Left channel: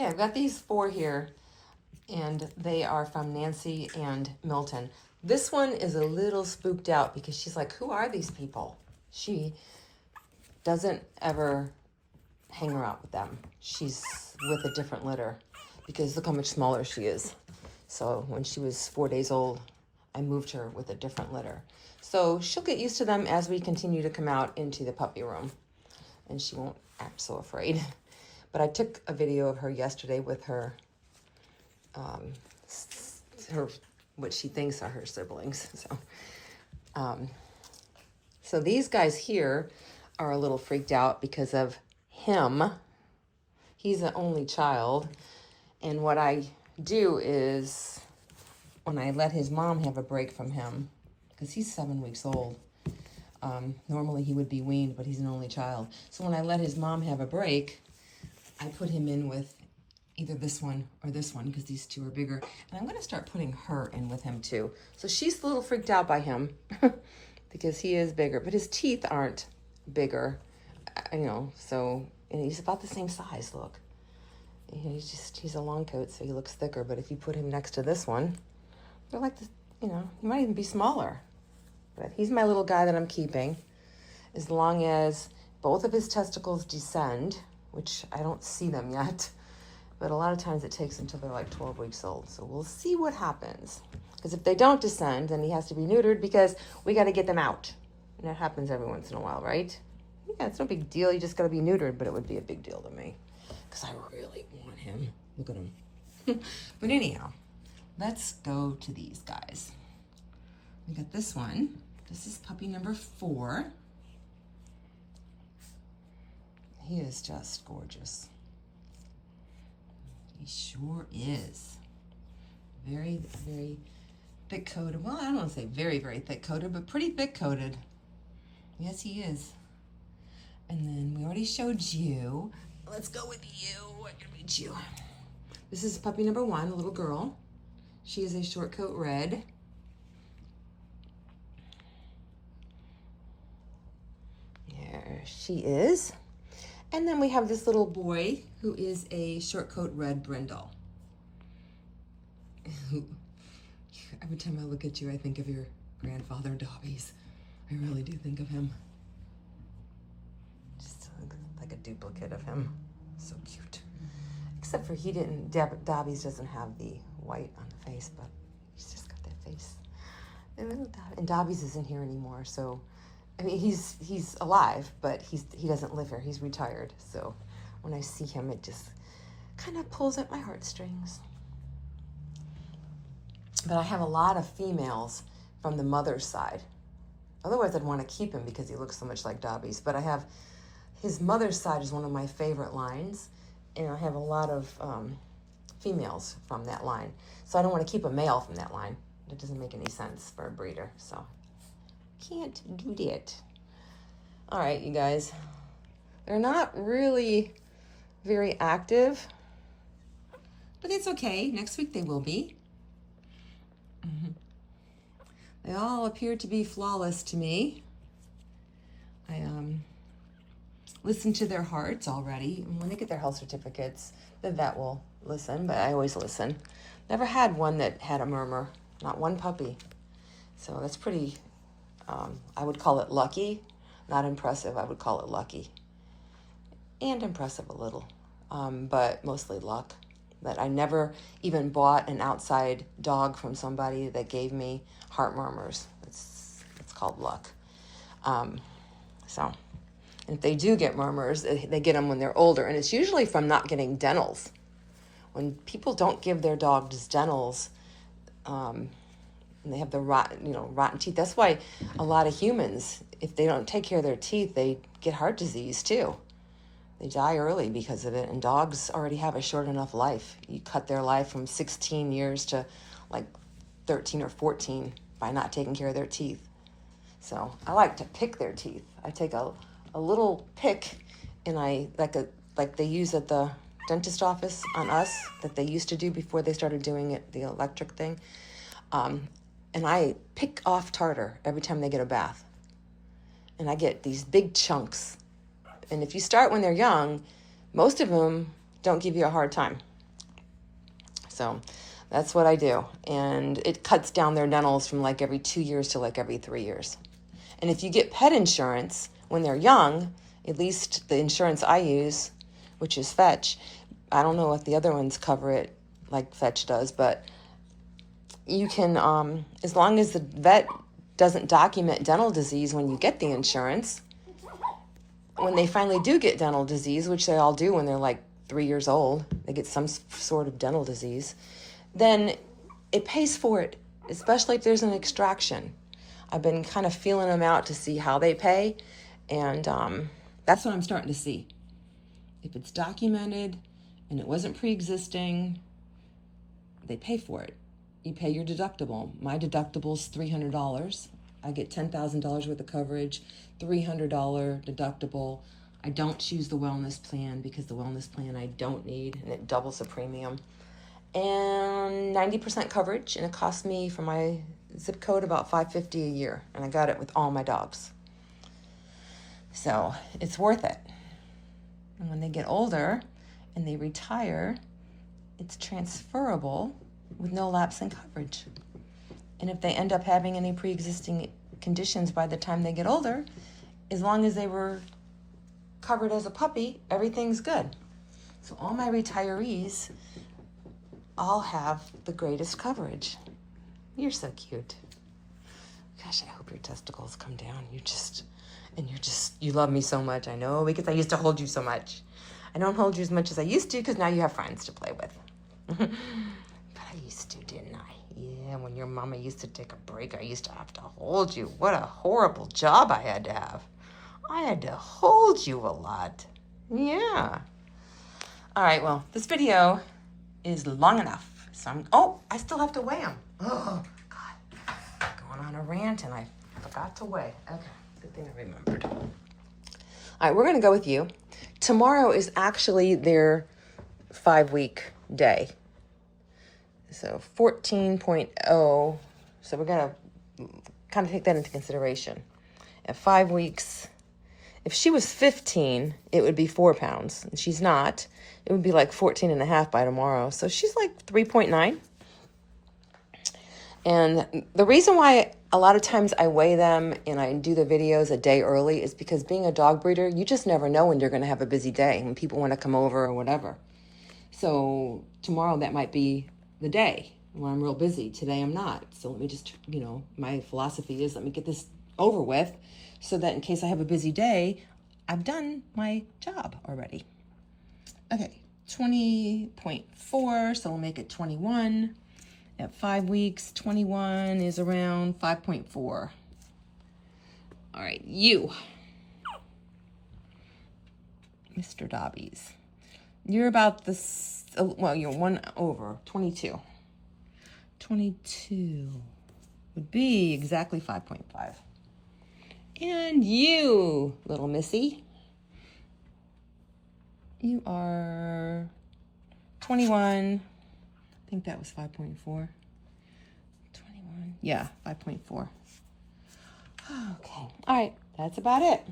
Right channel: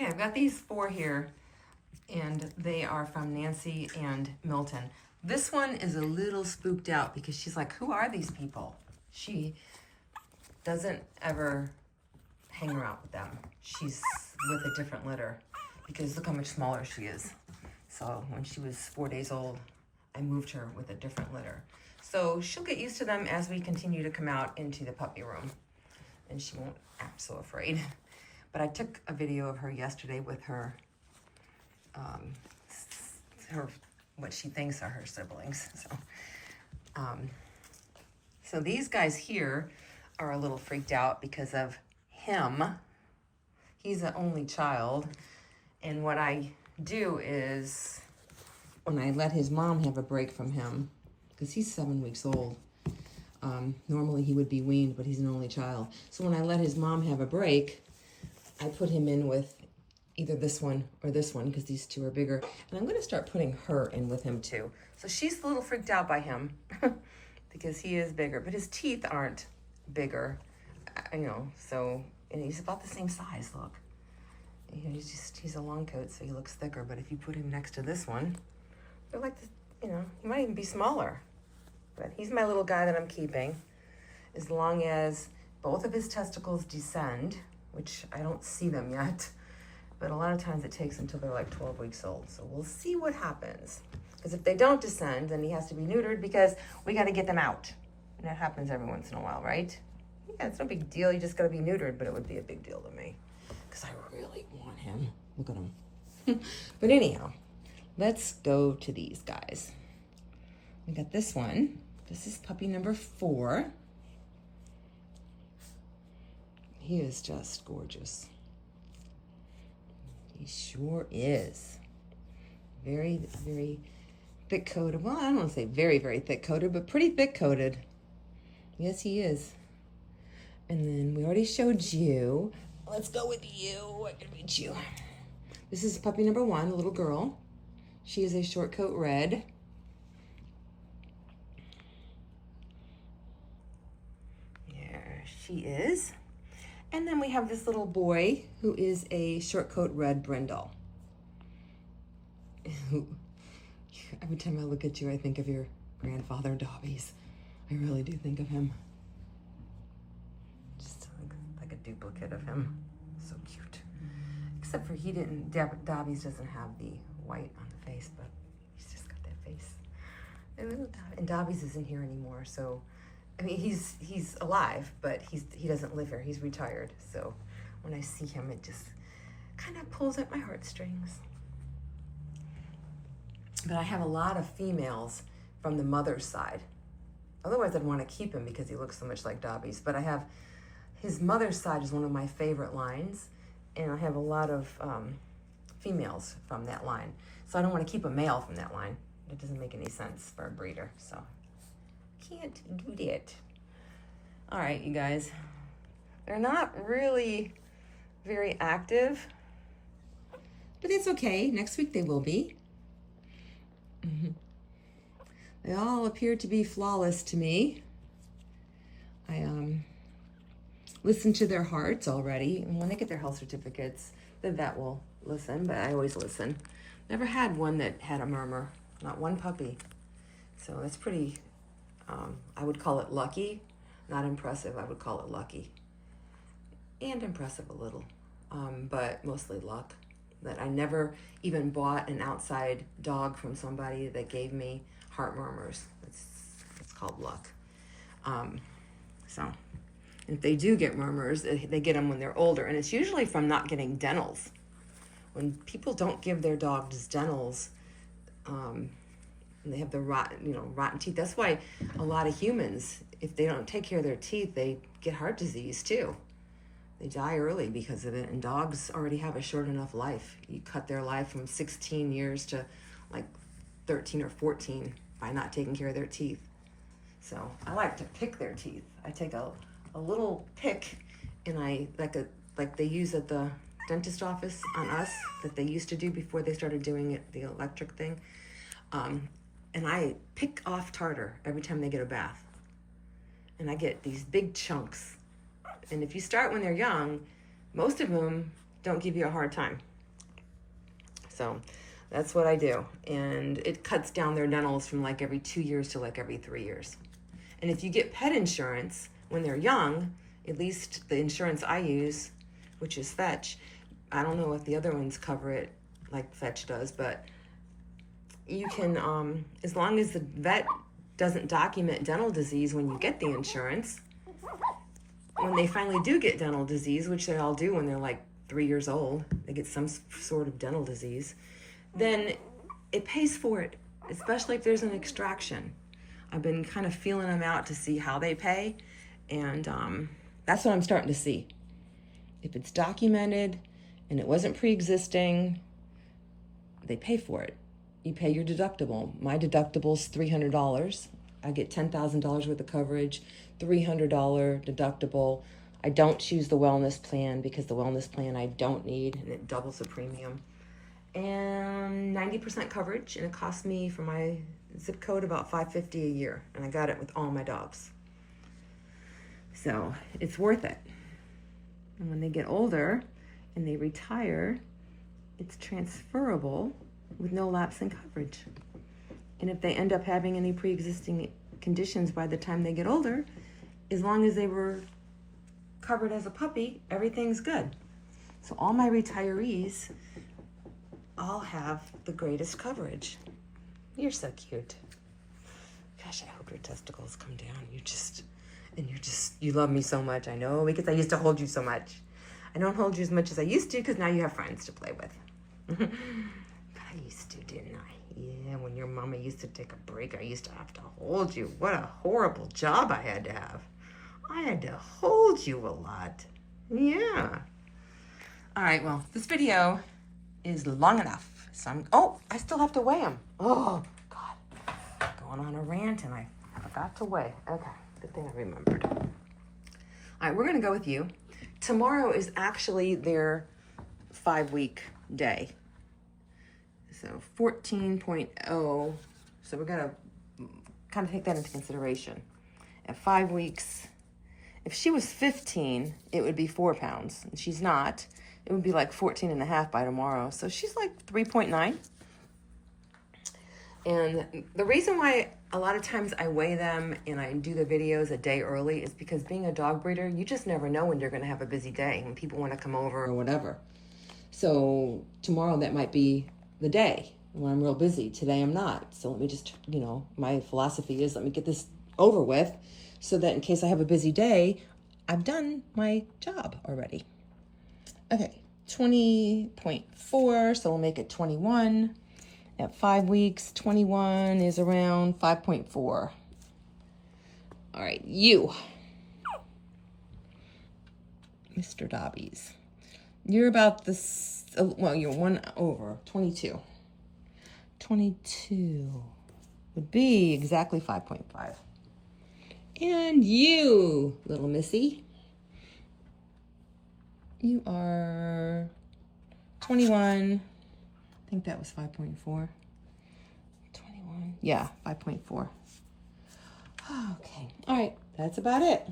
Okay, I've got these 4 here, and they are from Nancy and Milton. This one is a little spooked out because she's like, who are these people? She doesn't ever hang around with them. She's with a different litter because look how much smaller she is. So when she was 4 days old, I moved her with a different litter. So she'll get used to them as we continue to come out into the puppy room, and she won't act so afraid. But I took a video of her yesterday with her, what she thinks are her siblings. So these guys here are a little freaked out because of him. He's an only child. And what I do is when I let his mom have a break from him, because he's 7 weeks old, normally he would be weaned, but he's an only child. So when I let his mom have a break, I put him in with either this one or this one because these 2 are bigger. And I'm going to start putting her in with him too. So she's a little freaked out by him because he is bigger, but his teeth aren't bigger, so, and he's about the same size, look. He's a long coat, so he looks thicker, but if you put him next to this one, they're like, he might even be smaller. But he's my little guy that I'm keeping. As long as both of his testicles descend, which I don't see them yet, but a lot of times it takes until they're like 12 weeks old. So we'll see what happens. Because if they don't descend, then he has to be neutered because we got to get them out. And that happens every once in a while, right? Yeah, it's no big deal. You just got to be neutered, but it would be a big deal to me because I really want him. Look at him. But anyhow, let's go to these guys. We got this one. This is puppy number 4. He is just gorgeous. He sure is. Very, very thick-coated. Well, I don't want to say very, very thick-coated, but pretty thick-coated. Yes, he is. And then we already showed you. Let's go with you. I can reach you. This is puppy number 1, a little girl. She is a short coat red. There she is. And then we have this little boy who is a short coat red brindle. Every time I look at you, I think of your grandfather, Dobby's. I really do think of him. Just like a duplicate of him. So cute. Except for Dobby's doesn't have the white on the face, but he's just got that face. And Dobby's isn't here anymore, so I mean, he's alive, but he doesn't live here. He's retired. So when I see him, it just kind of pulls at my heartstrings. But I have a lot of females from the mother's side. Otherwise, I'd want to keep him because he looks so much like Dobby's. But I have his mother's side is one of my favorite lines, and I have a lot of females from that line. So I don't want to keep a male from that line. It doesn't make any sense for a breeder. So can't do that. All right, you guys. They're not really very active, but it's okay. Next week they will be. They all appear to be flawless to me. I listened to their hearts already. And when they get their health certificates, then that will listen, but I always listen. Never had one that had a murmur, not one puppy. So that's pretty, I would call it lucky, not impressive. I would call it lucky. And impressive a little, but mostly luck. That I never even bought an outside dog from somebody that gave me heart murmurs. It's called luck. So if they do get murmurs, they get them when they're older, and it's usually from not getting dentals. When people don't give their dogs dentals, and they have the rotten teeth. That's why a lot of humans, if they don't take care of their teeth, they get heart disease too. They die early because of it, and dogs already have a short enough life. You cut their life from 16 years to like 13 or 14 by not taking care of their teeth. So I like to pick their teeth. I take a little pick, and I like they use at the dentist office on us that they used to do before they started doing it, the electric thing. And I pick off tartar every time they get a bath. And I get these big chunks. And if you start when they're young, most of them don't give you a hard time. So that's what I do. And it cuts down their dentals from like every 2 years to like every 3 years. And if you get pet insurance when they're young, at least the insurance I use, which is Fetch, I don't know if the other ones cover it like Fetch does, but you can, as long as the vet doesn't document dental disease when you get the insurance, when they finally do get dental disease, which they all do when they're like 3 years old, they get some sort of dental disease, then it pays for it, especially if there's an extraction. I've been kind of feeling them out to see how they pay, and that's what I'm starting to see. If it's documented and it wasn't pre-existing, they pay for it. You pay your deductible. My deductible's $300. I get $10,000 worth of coverage, $300 deductible. I don't choose the wellness plan because the wellness plan I don't need, and it doubles the premium. And 90% coverage, and it cost me for my zip code about $550 a year, and I got it with all my dogs. So it's worth it. And when they get older and they retire, it's transferable with no lapse in coverage. And if they end up having any pre-existing conditions by the time they get older, as long as they were covered as a puppy, everything's good. So all my retirees all have the greatest coverage. You're so cute. Gosh, I hope your testicles come down. You love me so much. I know, because I used to hold you so much. I don't hold you as much as I used to because now you have friends to play with. But I used to, didn't I? Yeah, when your mama used to take a break, I used to have to hold you. What a horrible job I had to have. I had to hold you a lot. Yeah. All right, well, this video is long enough. So I still have to weigh them. Oh, God. Going on a rant, and I forgot to weigh. Okay, good thing I remembered. All right, we're going to go with you. Tomorrow is actually their 5-week day. So 14.0. So we're going to kind of take that into consideration. At 5 weeks, if she was 15, it would be 4 pounds. And she's not. It would be like 14 and a half by tomorrow. So she's like 3.9. And the reason why a lot of times I weigh them and I do the videos a day early is because being a dog breeder, you just never know when you're going to have a busy day, when people want to come over or whatever. So tomorrow that might be the day when I'm real busy. Today I'm not. So let me just, my philosophy is let me get this over with so that in case I have a busy day, I've done my job already. Okay, 20.4, so we'll make it 21. At 5 weeks, 21 is around 5.4. All right, you, Mr. Dobbies. You're about this, you're 1 over, 22. 22 would be exactly 5.5. And you, little missy, you are 21. I think that was 5.4. 21. Yeah, 5.4. Okay. All right. That's about it.